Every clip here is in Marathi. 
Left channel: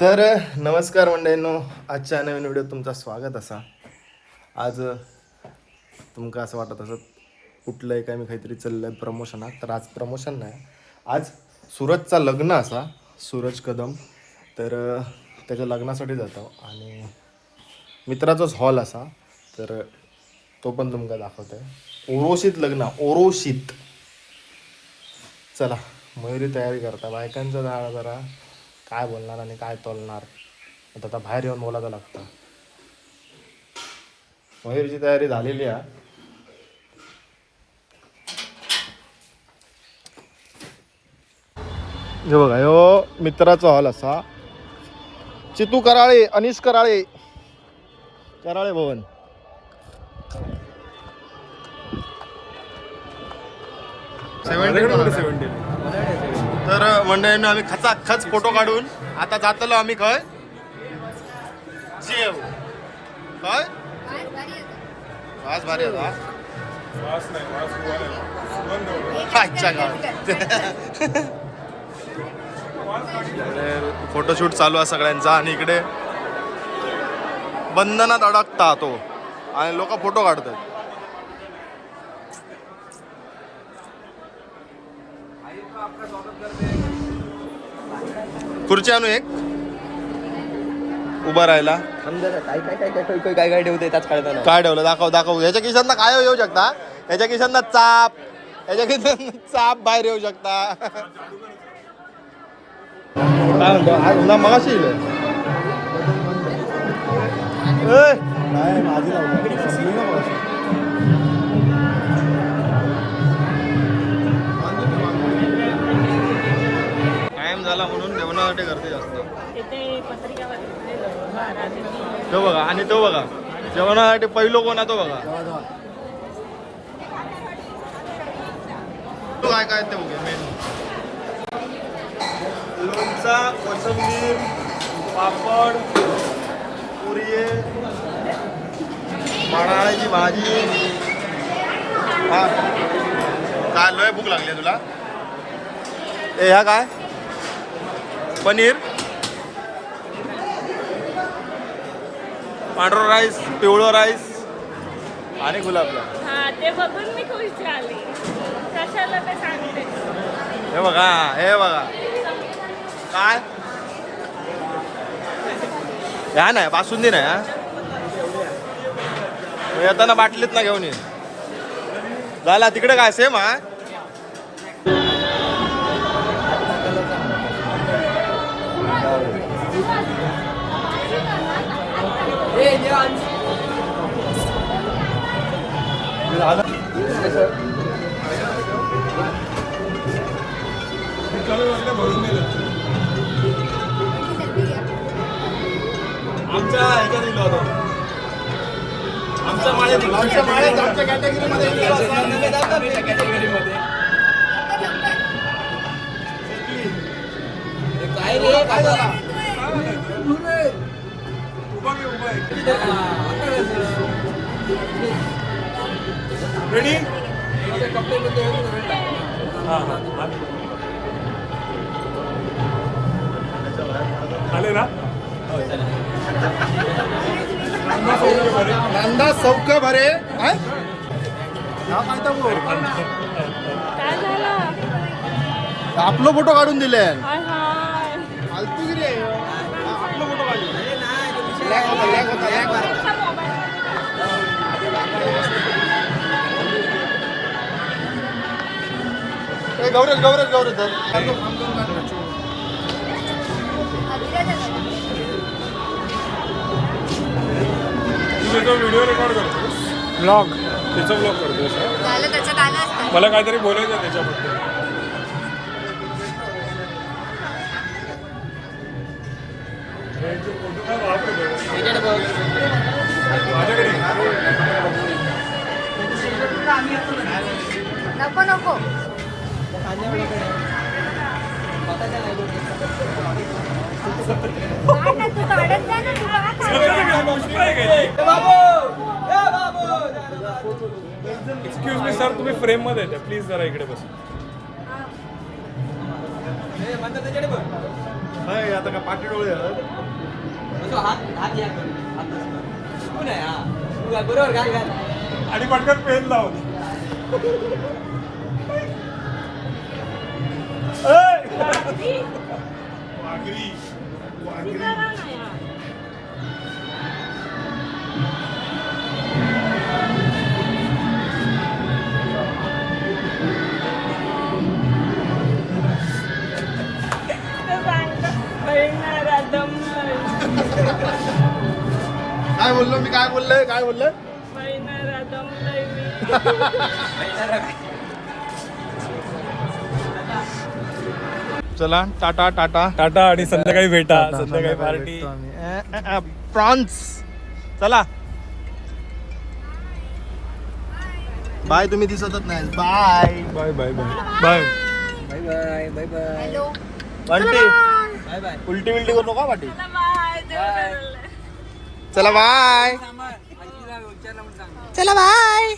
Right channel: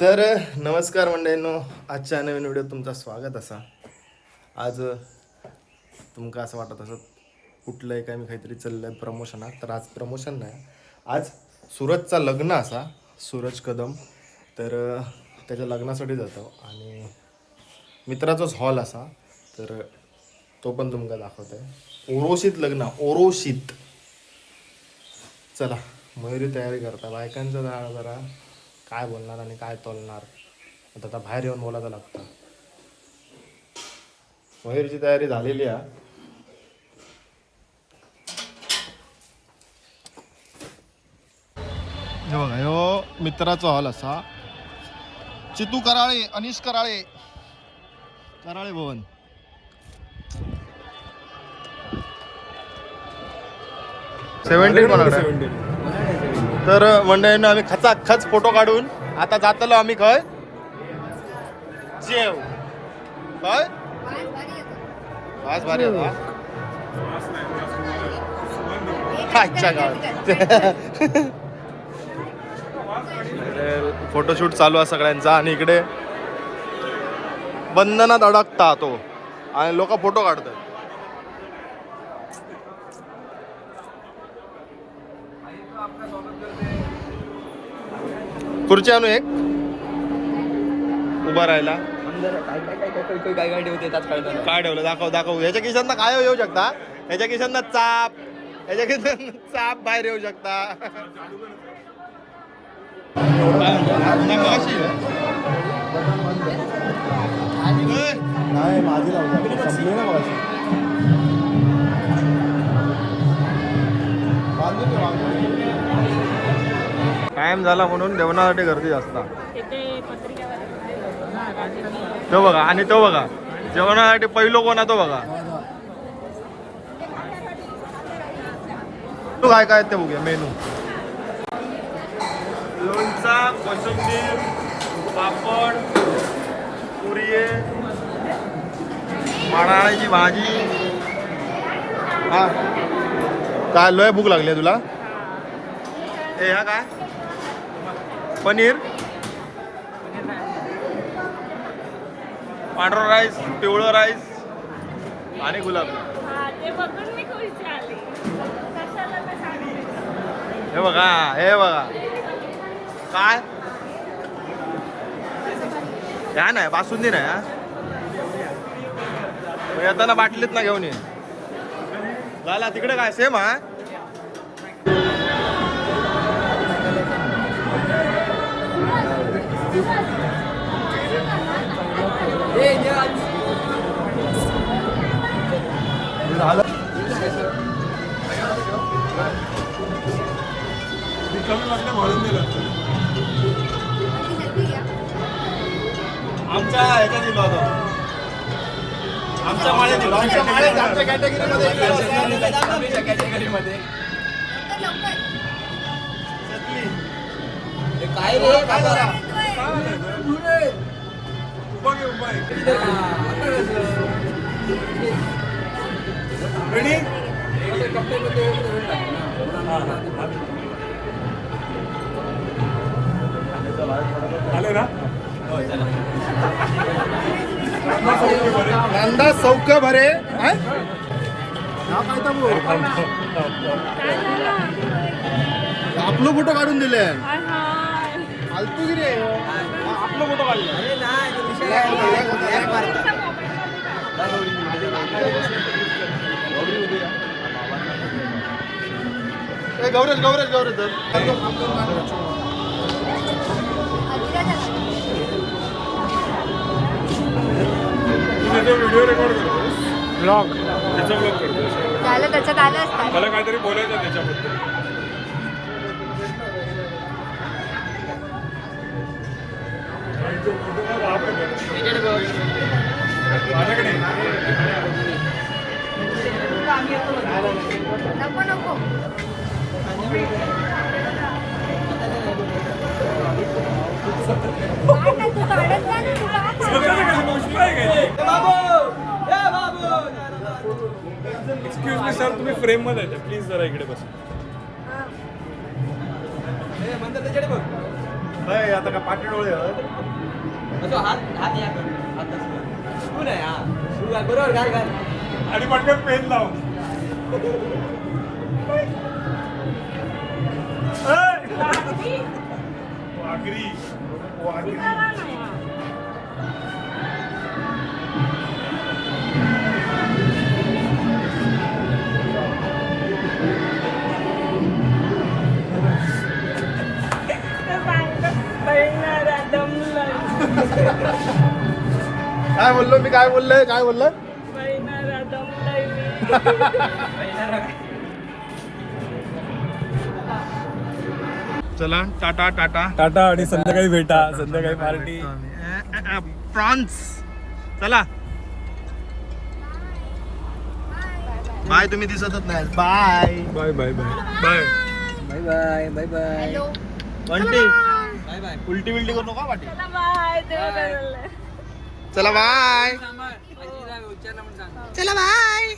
तर नमस्कार मंडळींनो, आजच्या नवीन व्हिडिओ तुमचं स्वागत असा. आज तुमका असं वाटत असत कुठलंय काय मी काहीतरी चाललंय प्रमोशनात, तर आज प्रमोशन नाही, आज सूरजचा लग्न असा, सूरज कदम. तर त्याच्या लग्नासाठी जातो आणि मित्राचाच हॉल असा, तर तो पण तुमका दाखवत आहे. ओरोशीत लग्न, ओरोशीत. चला, मयुरी तयारी करता, बायकांचं झाड जरा काय बोलणार आणि काय तोलणार आता बाहेर येऊन बोलायचं लागतं. मयुरीची तयारी झालेली आहे. हे बघा, ह्यो मित्राचा हॉल असा, चितू कराळे, अनिश कराळे, कराळे भवन. तर मंडळींना आम्ही खचाखच फोटो काढून आता जातलो आम्ही खय जेव काय वास भारी आता आजच्या गावात. फोटोशूट चालू आहे सगळ्यांचा आणि इकडे बंधनात अडकता तो आणि लोक फोटो काढतात. खुर्ची आणू एक उभा राहायला. काय ठेवते काय ठेवलं दाखव. ह्याच्या खिशांना काय येऊ शकता, ह्याच्या खिशांना चाप, ह्याच्या खिशांना चाप बाहेर येऊ शकता. मगाशी टाइम झाला म्हणून जेवणासाठी गर्दी जास्त. तो बघा आणि तो बघा, जेवणासाठी पहिलो कोण आहे तो बघा. तू काय काय ते बघूया मेनू. लोणचा, कोशिंबीर, पापड, पुरी, माडाळ्याची भाजी. हा काय लय भूक लागली तुला. ए ह्या काय पनीर, पांढरा राईस, पिवळं राईस आणि गुलाबजाम. हे बघा काय ह्या नाही बासुंदी नाही. हा येताना बाटलीत ना घेऊन ये. झाला तिकडे काय सेम हा. आमच्या ह्याच्यात दिला होता, आमच्या कॅटेगरीमध्ये काय रे काय झाला. रेडी आले ना. नंदा सौख्य भरे आपलं फोटो काढून दिले. फालतूगिरी आहे. आपलं फोटो काढले. गौरज व्हिडिओ रेकॉर्ड करतोस, ब्लॉग तिचा ब्लॉग करतोस. त्याला काहीतरी बोलायचं आहे त्याच्याबद्दल. माझ्याकडे एक्सक्यूज मी सर, तुम्ही फ्रेम मध्ये येते प्लीज. जरा इकडे बस. काय आता का पाठी डोळे आणि पटपट पेन लावून वाघरी काय बोललो मी काय बोललोय काय बोललोय चला टाटा टाटा टाटा आणि संध्याकाळी भेटा संध्याकाळी पार्टी प्रॉन्स चला बाय तुम्ही दिसतच नाही bye bye bye bye bye bye bye bye bye Bunty bye bye उलटी बिलटी करू नका पाठी चला बाय चला बाय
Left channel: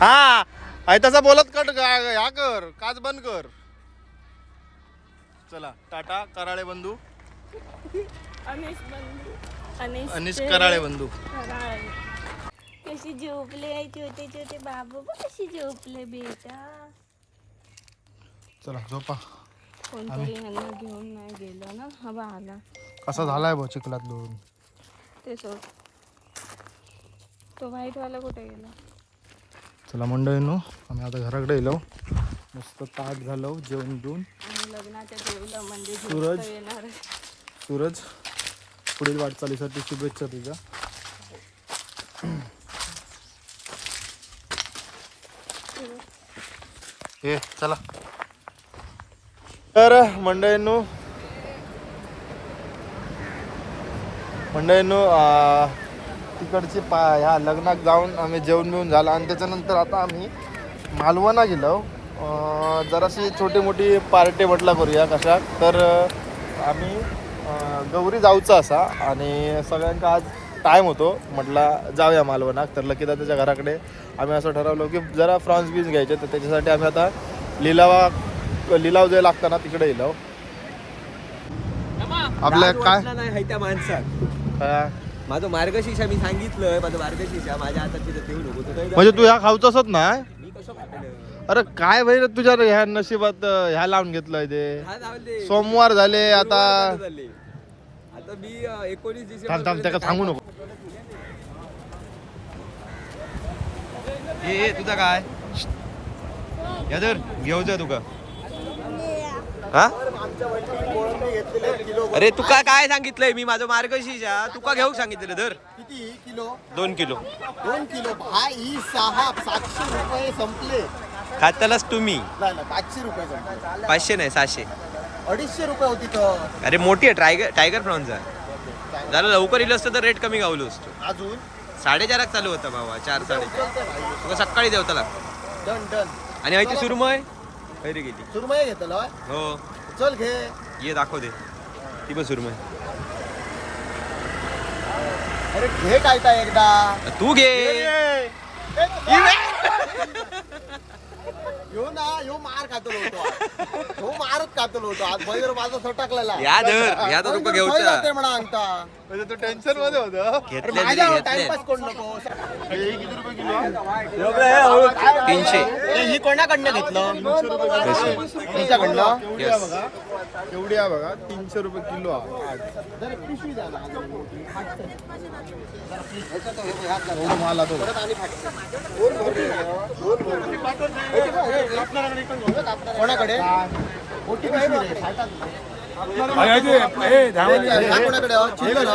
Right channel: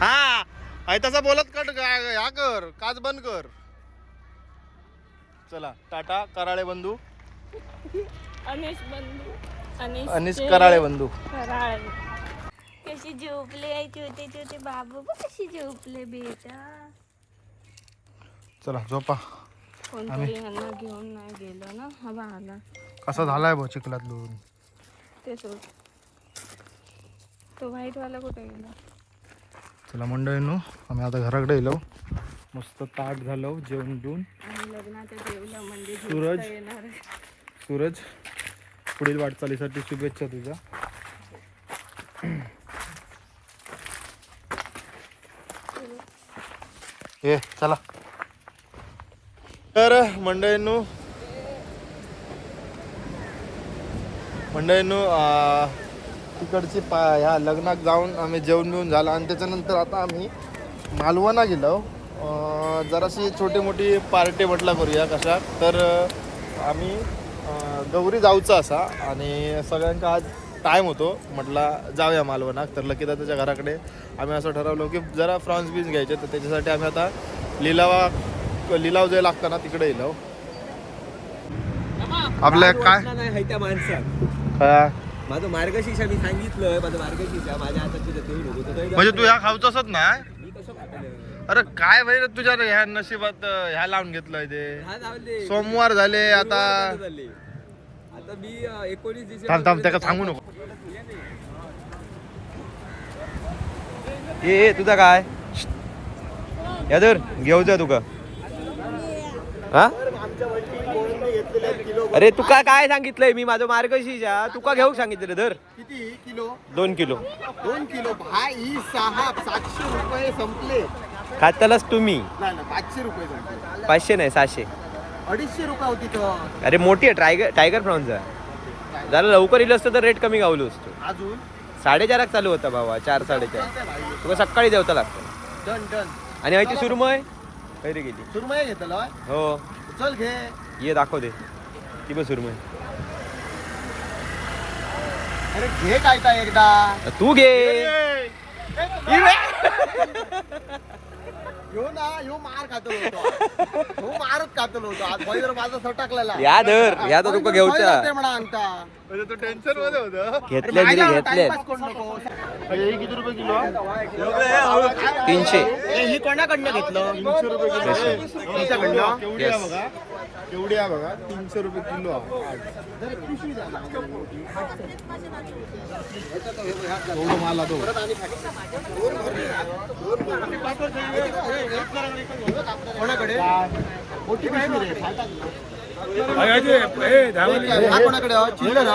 हा आहे तसा बोलत कट ह्या कर काच बंद कर चला टाटा कराळे बंधू अनिश कराळे बंधू कशी झोपले आहे छोटे छोटे बाबू कशी झोपले बेटा चला झोपा कोणतरी ह्यांना घेऊन नाही गेलं ना हवा आला कसा झालाय भाऊ चिखलात लोन ते सोड तो व्हाईट वाला कुठे गेला चला मंडळींनो आम्ही आता घराकडे येलो मस्त ताट झालो जेवण घेऊन आणि लग्नात गेलं म्हणजे सूरज. झोपता येणार आहे. सूरज पुढील वाटचालीसाठी शुभेच्छा तुझ्या ये चला तर मंडळींनो तिकडची ह्या लग्नात जाऊन आम्ही जेवण बिवून झालं आणि त्याच्यानंतर आता आम्ही मालवणला गेलो जराशी छोटी मोठी पार्टी म्हटला करूया कशा तर आम्ही गौरी जाऊचा असा आणि सगळ्यांका आज टाईम होतो म्हटला जाऊया मालवणात तर लकीदा त्याच्या घराकडे आम्ही असं ठरवलं की जरा फ्रॉन्स बीज घ्यायचे तर त्याच्यासाठी आम्ही आता लिलाव जे लागतं ना तिकडे येलो आपल्या काय नाही त्या माणसात काय माझं मार्गशीर्ष मी सांगितलं माझं मार्गशीर्ष माझ्या हातात देऊ नको म्हणजे तू ह्या खाऊचंच नाही मी कसं खातलं अरे काय भाई तुझ्या ह्या नशिबात ह्या लावून घेतलंय ते हा जाऊदे. सोमवार झाले आता झाले. आता मी 19 थांब थांब त्याला सांगू नको ए तुझा काय यादर घेऊचा तुका हा अरे तुका काय सांगितलंय मी माझं मार्गशीर्ष तुका घेऊ सांगितलं धर किती किलो 2 किलो 2 किलो भाई साहेब 700 रुपये संपले खातालाच तुम्ही नाही ना 500 रुपये संपले 500 नाही 700 250 रुपये होती तर अरे मोठी आहे टायगर प्रॉन्स आहे जरा लवकर येईल असतं तर रेट कमी गावलो असतो अजून 4:30 चालू होता बाबा 4 4:30 तुका सकाळी देवता लागतो डन डन आणि माहिती सुरमय खैरी गेली सुरमई घेतलं हो चल घे ये दाखव दे ती पण सुरमय अरे घे काय एकदा तू घे यो मार खातलो होतो यो मारच खातलो होतो आज भैर माझा सटकलेला या धर या तर तुका घेऊचा म्हणा अंगता तो टेन्शन मध्ये होतो घेतले तरी घेतले किती रुपये किलो 300 ही कोणाकडनं घेतलं 300 रुपये किलो तुमच्याकडनं केवढी आहे बघा केवढी आहे बघा 300 रुपये किलो एवढं माल आतो कोणाकडे मोठी पिशवी रे छाटात कोणाकडे चिल्लर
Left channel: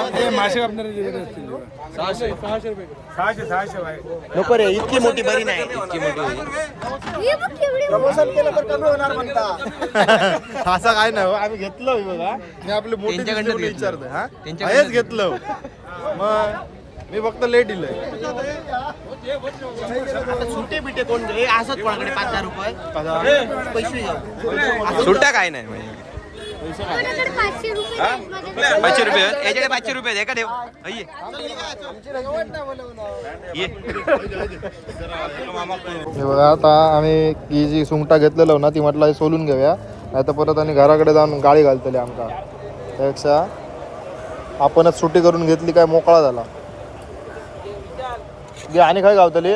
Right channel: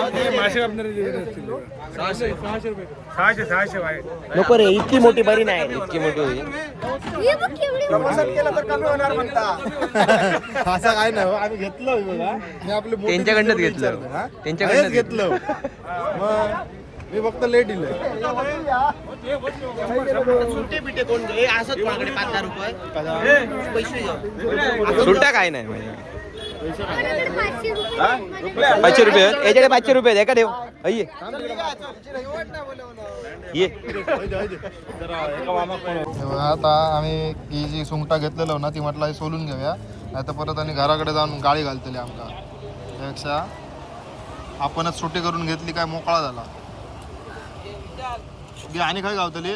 नको रे इतकी मोठी बरी नाही इतकी मोठी होईल प्रमोशन केलं तर कमी होणार म्हणता असं काय नाही आम्ही घेतलं बघा मी आपली मोठी त्यांच्याकडनं दिसली घेतलं. विचारतोय, हा? त्यांच्याकडनं हेच घेतलं मग मी फक्त लेट दिलंय सुट्टा काय नाही म्हणजे 500 रुपये याच्याकडे 500 रुपये एका ठेव ये ये हे बघा आता आम्ही ही जी सुंगटा घेतलेलो ना ती म्हटलं सोलून घेऊया नाही तर परत आणि घराकडे जाऊन गाडी घालतली आमका. त्यापेक्षा आपणच सुट्टी करून घेतली काय मोकळा झाला. आणि काय गावतली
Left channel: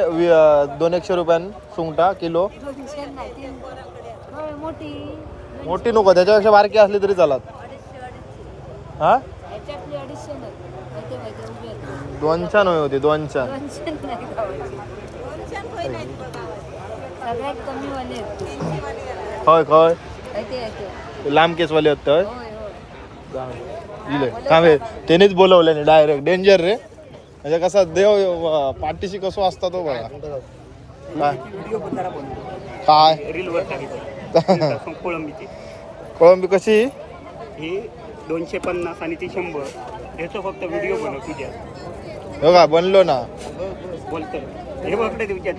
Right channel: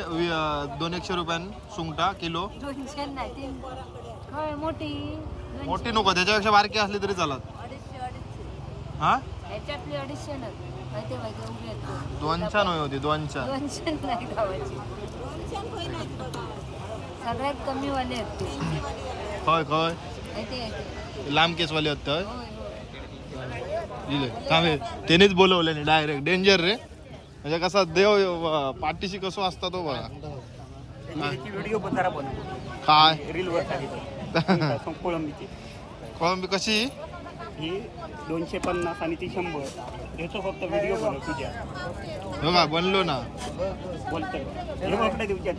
200-100 रुपयान सुंगटा किलो. मोठी नको, त्याच्यापेक्षा बारकी असली तरी चालत. हा 200 नव्हे होते 200. होय होय लांब केसवाले होत त्यानेच बोलवलं नाही डायरेक्ट. डेंजर रे. म्हणजे कसा देव पाठीशी कसो असता तो बघा. काय कोळंबी कशी ही 250 आणि ती 100 याचा फक्त व्हिडिओ बनव तुझ्या. हो का बनलो ना बोलतो हे बघते तुझ्यात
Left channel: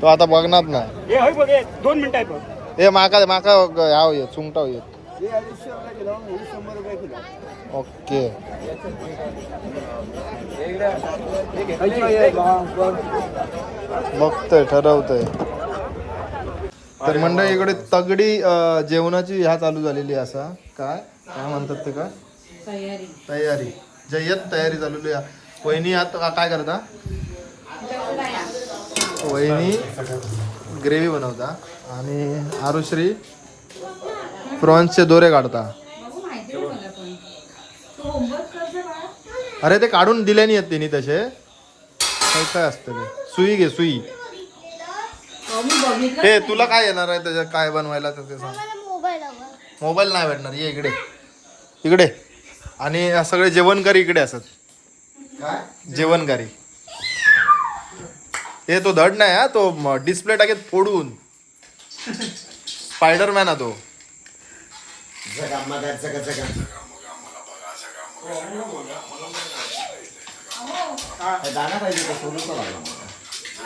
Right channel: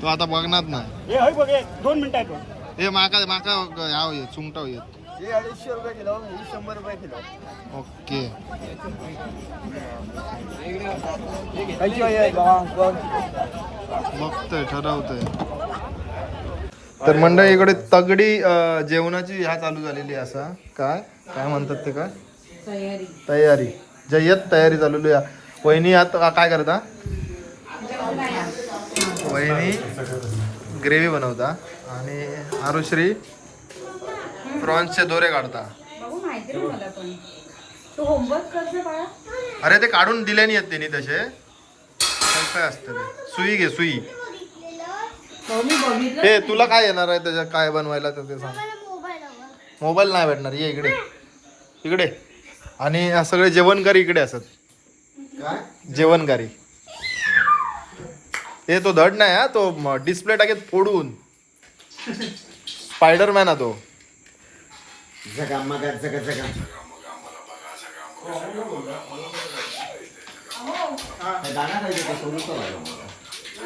तो आता बघणार ना. हे होय बघ 2 मिनिटं आहे बघ. हे माका माका ह्याव येत सुंगटा येत. हे 250 रुपये किलो, हे 100 रुपये किलो. ओके बघतोय ठरवतोय. तर मंडळी इकडे तगडी जेवणाची ह्या चालू झालेली आहे. असा काय काय म्हणतात ते काय तयारी जय्यत तयारी चालू आहे. वहिनी आता काय करता? वहिनी ग्रेव्ही बनवता आणि आरुश्री प्रॉन्सचे दोरे काढता. अरे ते काढून दिले नाही आहेत त्यांनी तसे. काय काय असतं ते सुई घे सुई. हे तुला काय येणार आहे त्याच्यात काय बनवायला तर ते सांग. मोबाईल नाही भेटणार. ये इकडे इकडे. आणि सगळे जेवणकारी इकडे असत. जेवणकारी हे तो धड नाही हा तो डिस्प्ले टाकेत फोडून स्पायडरमॅन हा तो.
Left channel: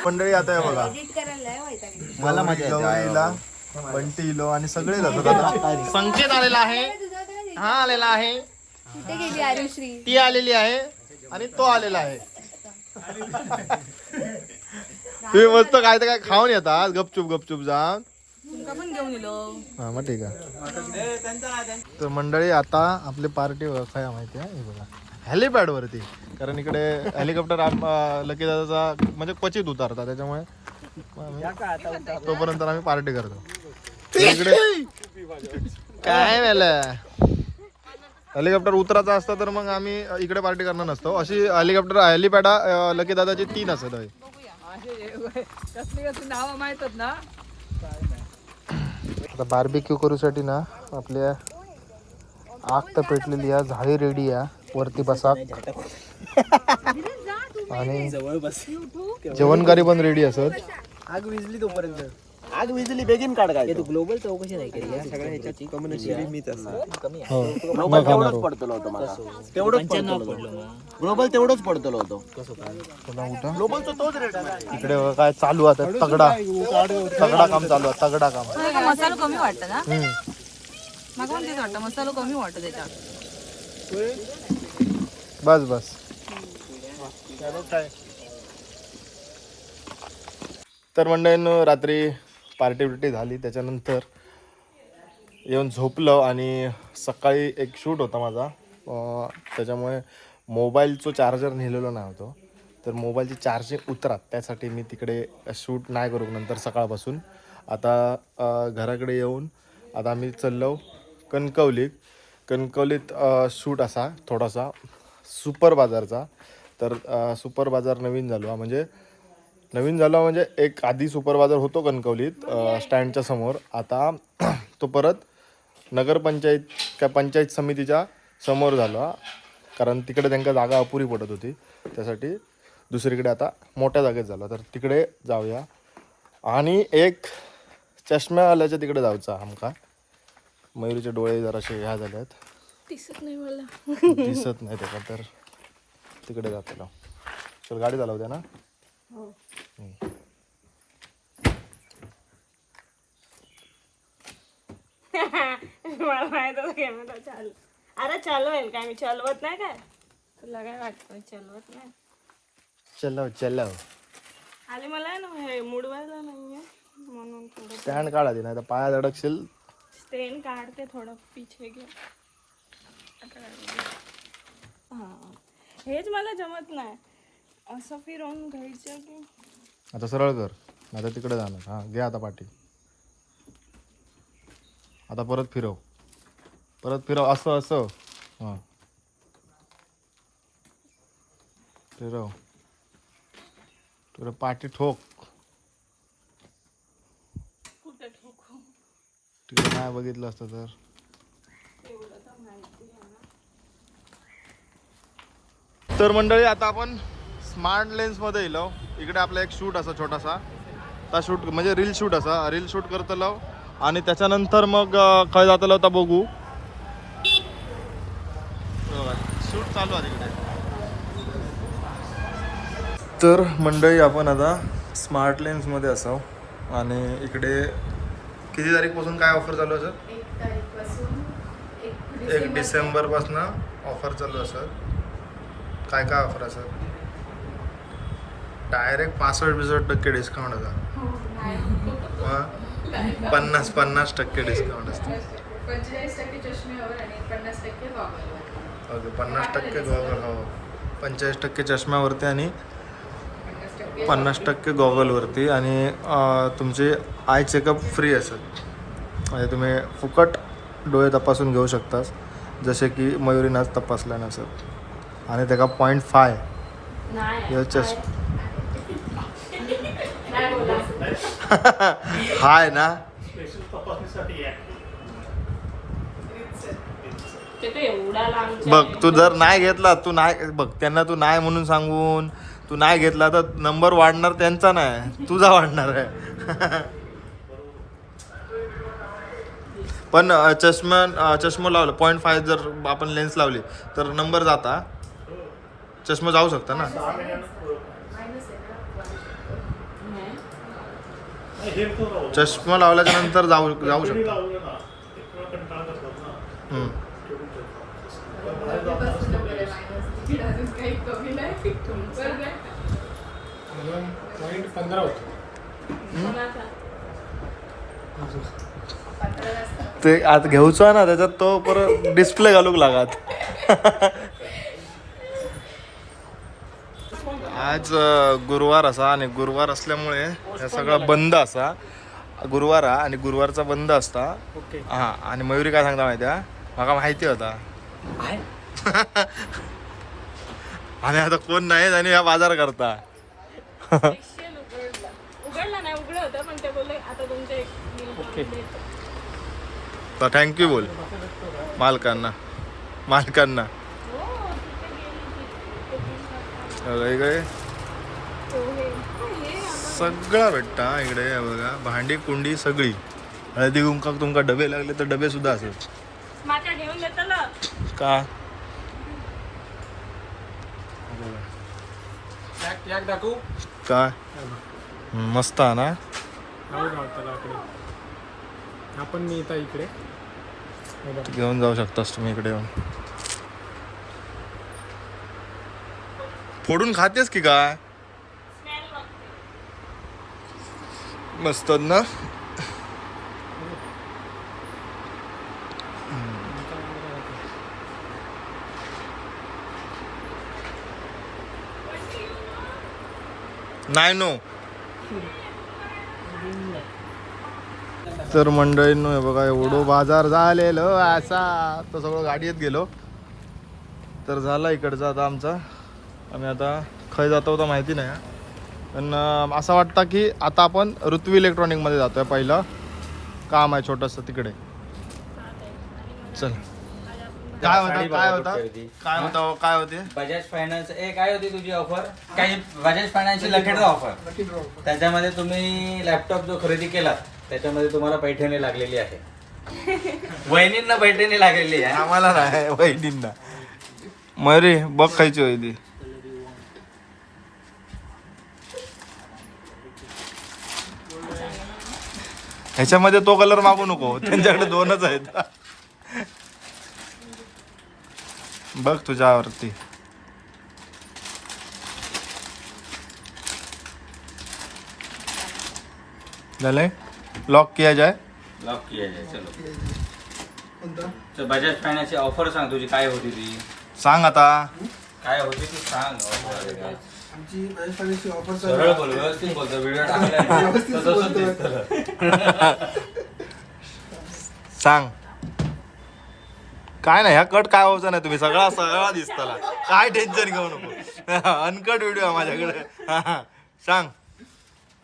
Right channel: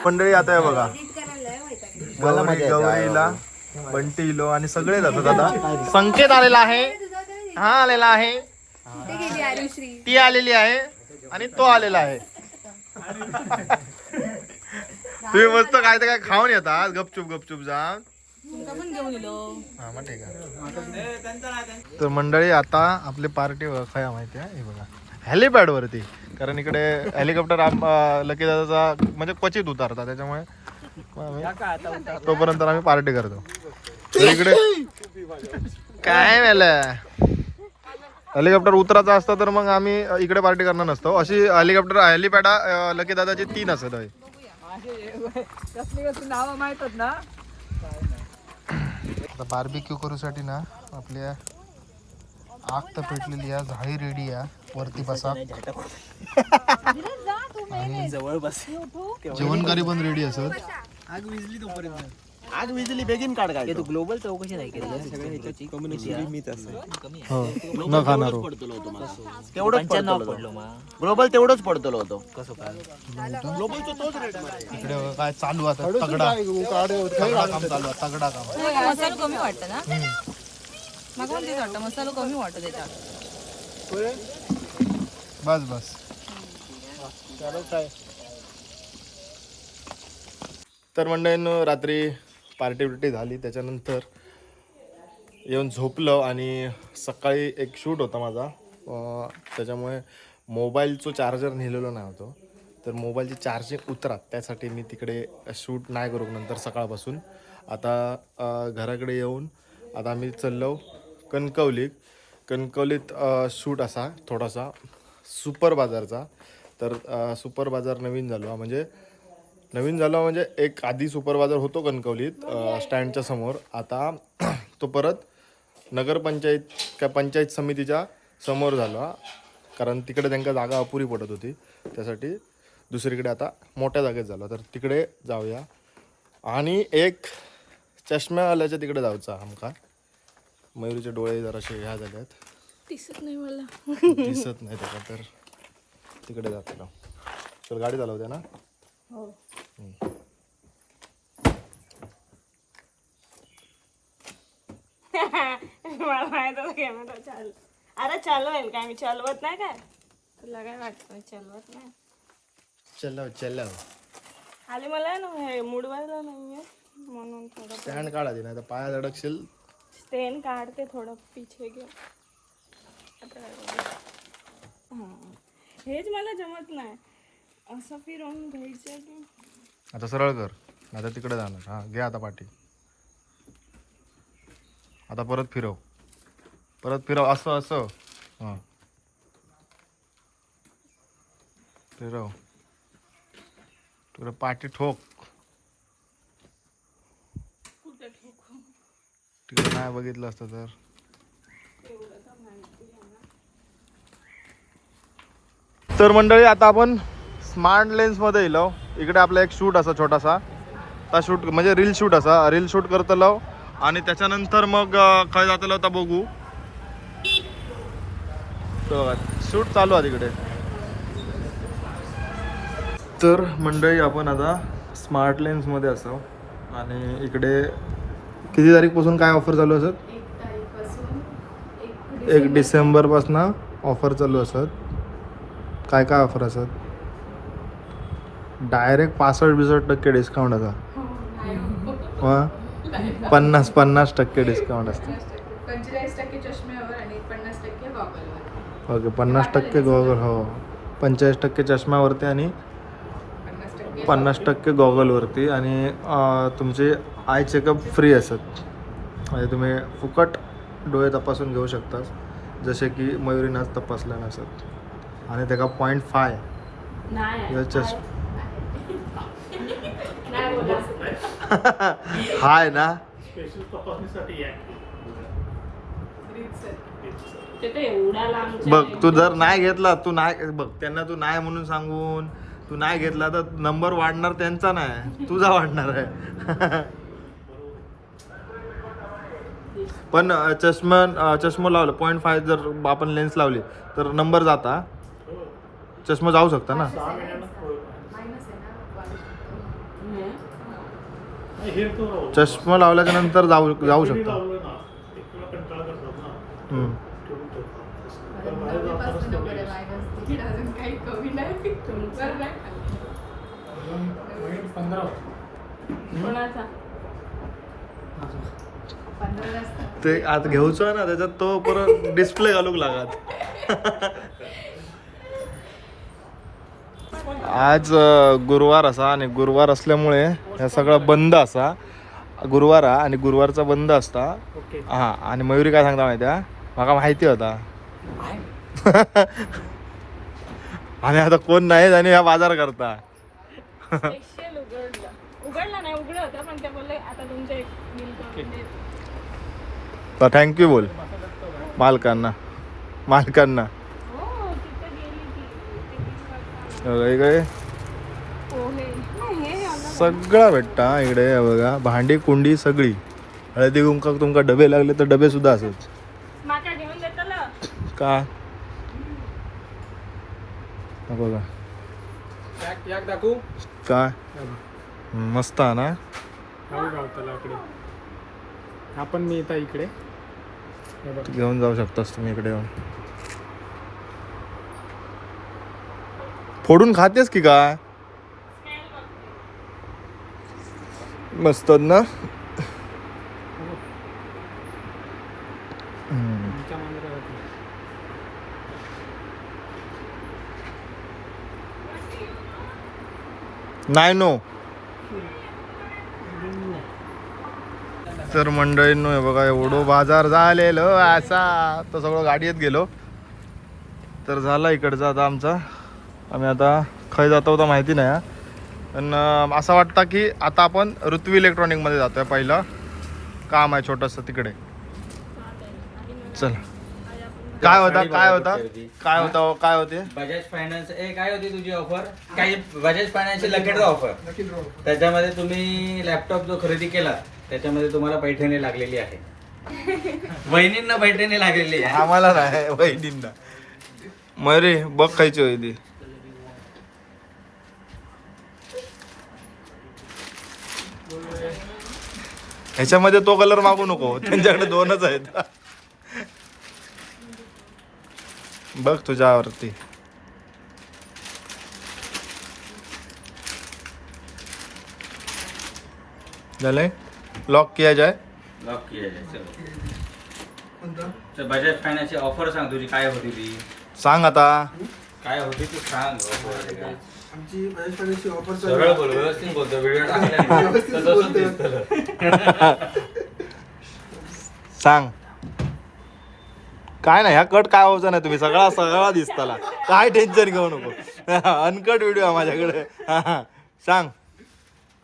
मंडळी आता आहे बघा गौरीला बंटी इलो आणि सगळे जातात. आता संकेत आलेला आहे. हा आलेला आहे. ती आलेली आहे आणि तो आलेला आहे. तुम्ही मस्त काय तर काय खाऊन येतात गपचूप गपचूप जाऊन. हा मग ठीक आहे. तर मंडळी आता आपली पार्टी काय माहिती आहे हे बघा हेलिपॅड वरती. कारण इकडे हेलिकॉप्टर लकी दादाचा म्हणजे क्वचित उतारता त्याच्यामुळे तोपर्यंत आम्ही पार्टी करतो. तर इकडे काय झालं हेलिकॉप्टर उतरायचा असतं तर मग आम्ही इकडे पार्टी करणार नसतो. अशी हेलिपॅड लकी दादाची 3 असत आहे. आता बार्बिक्यू करूसाठी ना आपल्या आग तर पेटलेली आहे. झाडी रेडी आहे. वरती बसा आणि जेवणकारी पण रेडी असत. आग विजली तोपर्यंत आग विजली बेगीन काढ. काय तू ग्लोबल चौकशी नाही केली सगळ्या ह्याच्यात कम्युनिटी मीच हो न खाणार हो. पडतलो होतो मला तेवढंच पडलो. ग्लोबल तेवढंच पडतलो होतो. ग्लोबलचा तोच रेट आहे. इकडे बघा काय चालू आता तगडा तगडा काम चालू आहे. तगडा काम. मसाला कमी वाटतं ना मला तेच वाटतं मसाला कमी वाटतं त्याच्यात. बस बस. तर मंडळींनो रात्री पार्टी बिर्टी झाली. त्याच्यानंतर येऊन झोपलं आणि सकाळी एक शूट होता माझा. त्याच्यामुळे मोबाईलचं चार्जर नेलेलो नाही होतो. तर मोबाईलची चार्जिंग उतरात त्यासाठी मी तिकडे शूट नाही करू नंतर सकाळपासून. आता घराकडे येऊन आता आम्ही चाललो कणकवलीत शूट असा थोडासा सुपर बाजारचा. तर सुपर बाजार नवीन झालो म्हणजे एक आधी सुपर बाजार होतो कणकवलीत स्टँडच्या समोर. आता तो परत नगरपंचायत काय पंचायत समितीच्या समोर झाला. कारण तिकडे त्यांना जागा अपुरी पडत होती त्यासाठी दुसरीकडे आता मोठ्या जागेत झाला. तर तिकडे जाऊया. आणि एक चष्म्यावाल्याच्या तिकडे जायचा आमका. मयुरीचे डोळे जरासे ह्या झाले आहेत. दिसत नाही मला. दिसत नाही त्याला. तर तिकडे जातो. चल गाडी चालवते ना. मला माहित होतं कॅमेरा चालू. अरे चालवेल काय मी चालवत नाही काय. तुला काय वाटतं चालवत नाही. चल आले मला ना हे मुडवायला नाही म्हणून थोडं स्टँड काढा दे नाही तर पायात अडकशील. स्टेन काढते थोडं पिछे घे. हा हेच मला जमत नाही असं फिरवून घ्यायचं की. आता सरळ कर, आता तिकडे जाणार. हां घे आता पाठी. आता परत फिरव, असं असं. हां फिरव, तुला पाठी ठोक. कुठे ठोकू तिकडे नाही बघितलं असतं तर. एवढं तर माहिती आहे ना. तर मंडळी आता आपण स्मार्ट लेन्समध्ये येलो. इकडे आपला एक शूट असा छोटासा, त्या शूट म्हणजे रील शूट असा, रील शूट करतलो आणि त्याच्यानंतर मग खंय जातलो होता बघू. शूट चालू आहे तिकडे. तर मंडळी आपण आता स्मार्ट लेन्समध्ये असाव आणि इकडे किती तारीखपासून काय ऑफर चालू असत? 1 डिसेंबरपासून ऑफर चालू असत. काय काय ऑफर असत? डायरेक्ट 65% डिस्काउंट असा. 50% डिस्काउंट असतं. 45% चष्म्यावर आणि 50% गॉगलवर. Okay 50% goggle. हो 45% चष्म्यावरती आणि 50% गॉगलवरती. आणि तुमचे आय चेकअप फ्री असत. म्हणजे तुम्ही फुकट डोळे तपासून घेऊ शकता, जसे की मयुरीनं आज तपासल्या नसत. आणि त्याचा 0.5 हाय ना. बघ तू जर नाही घेतला, तू नाही बघ त्यांना तू नाही म्हणून सांगून तू नाही घेतला तर नंबर वाढणार त्यांचा नाही, तुझा वाढणार आहे. पण चष्मा लावलं 0.5 जर आपण लेन्स लावली तर नंबर जाता, चष्मा जाऊ शकता ना. चष्मा लावल्याच्या नंतर जाऊ शकता. ते आता घेऊचो ना, त्याच्यात तो परत डिस्प्ले घालूक लागत. आज गुरुवार असा आणि गुरुवार असल्यामुळे हे सगळं बंद असा. गुरुवार आणि गुरुवारचा बंद असता. हा आणि मयुरी काय सांगता माहिती आहे, मला माहिती होता. आणि आता कोण नाही आणि ह्या बाजार करता. उघडला नाही, उघडं होतं पण ते बोलले आता तुमचं एक बिल करून देतो. तर थँक्यू बोल मालकांना. हो तिथे गेली काय पोहे सगळं भेटता इकडे. बघा भांडी कुंडी सगळी. हळदी कुंकाक तुमका डबे लागले तर डबे सुद्धा असत. माका घेऊन देतलं का बघा काय मस्त आहे ना. आपण मी येता इकडे घेऊन जाऊ शकतास तुम्ही इकडे येऊन. फोडून खातेस की काय? मस्त ना. नाही नो. तर मंडळींनो हे बघा एवढं बाजार झालेलं असा. तर सगळं गाडीत गेलो तर झाला इकडचा आता आमचा. आम्ही आता खय जातो होता माहिती नाही, पण असं वाटतं की आता आपण ऋत्वी इलेक्ट्रॉनिकमध्ये जातोय. पहिलं काम आहे छोटंसं तिकडे. चल काय होते बजाज फायनान्स काय होती तुझी ऑफर? काही बजाज फायनान्सची लकी ड्रॉ ऑफर. त्याच्यामध्ये तुम्ही लॅपटॉप जो खरेदी केला त्याच्यामध्ये तुम्हाला पैठणी लागलेली आहे. वहिनींना पैठणी लागलेली आहे, आम्हाला नाही वहिनींना. मरे बघ खायची होती. ह्याच्यामध्ये तो कलर मागू नको, त्यांच्याकडे 2च आहेत. बघ तुझ्यावरती. झालंय लॉक किया जाए. लॉक केलेलं आहे. चलो बजाज फायनान्सची ऑफर सांग तुझी काय होती ती, सांग आता. काय होती ती सांग. आमची बजाज फायनान्सची ऑफर सरळ बोल, व्यवस्थित बोलतो. व्हिडिओ टाकला तसंच दिसतं. सांग. काय नाही, ह्या कट काय व्हायचं नाही, तुम्ही सगळा दिसताला, काय टेन्शन घेऊ नको. अनकट व्हिडिओ माझ्याकडे. सांग.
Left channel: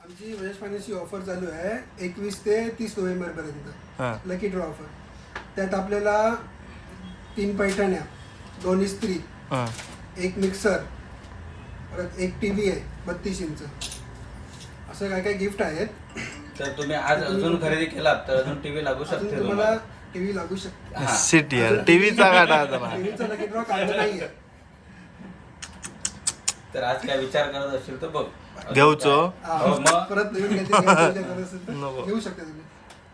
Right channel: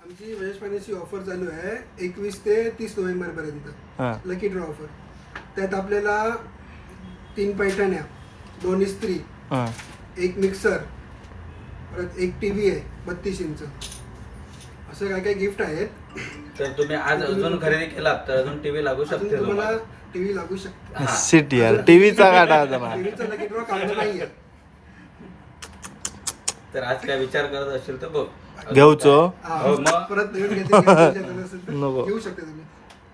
आमची बजाज फायनान्सची ऑफर चालू आहे 21 ते 30 नोव्हेंबर हा. पर्यंत. Lucky draw offer. त्यात आपल्याला 3 पैठण्या, 2 इस्त्री, हा. 1 मिक्सर, परत 1 टीव्ही आहे 32 इंच, असं काय काय गिफ्ट आहेत. तर तुम्ही आज अजून खरेदी केलात तर अजून टीव्ही लागू अजून शकते तुम्हाला तुम्हाला. टीव्ही लागू शकते. सिटी यार, टीव्हीचा गाठा जमा. टीव्हीचा लकी ड्रॉ काढला नाहीये. तर आज काय विचार करत असेल तर बघ घेऊचो. हा, हो, मग? परत नवीन काहीतरी घ्यायची गरज असेल तर नको. घेऊ शकता तुम्ही.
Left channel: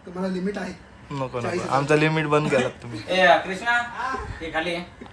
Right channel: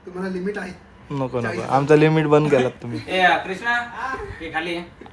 तुम्हाला लिमिट आहे. नको नको, आमचा लिमिट बंद केलात तुम्ही. ए कृष्णा हे खाली आहे.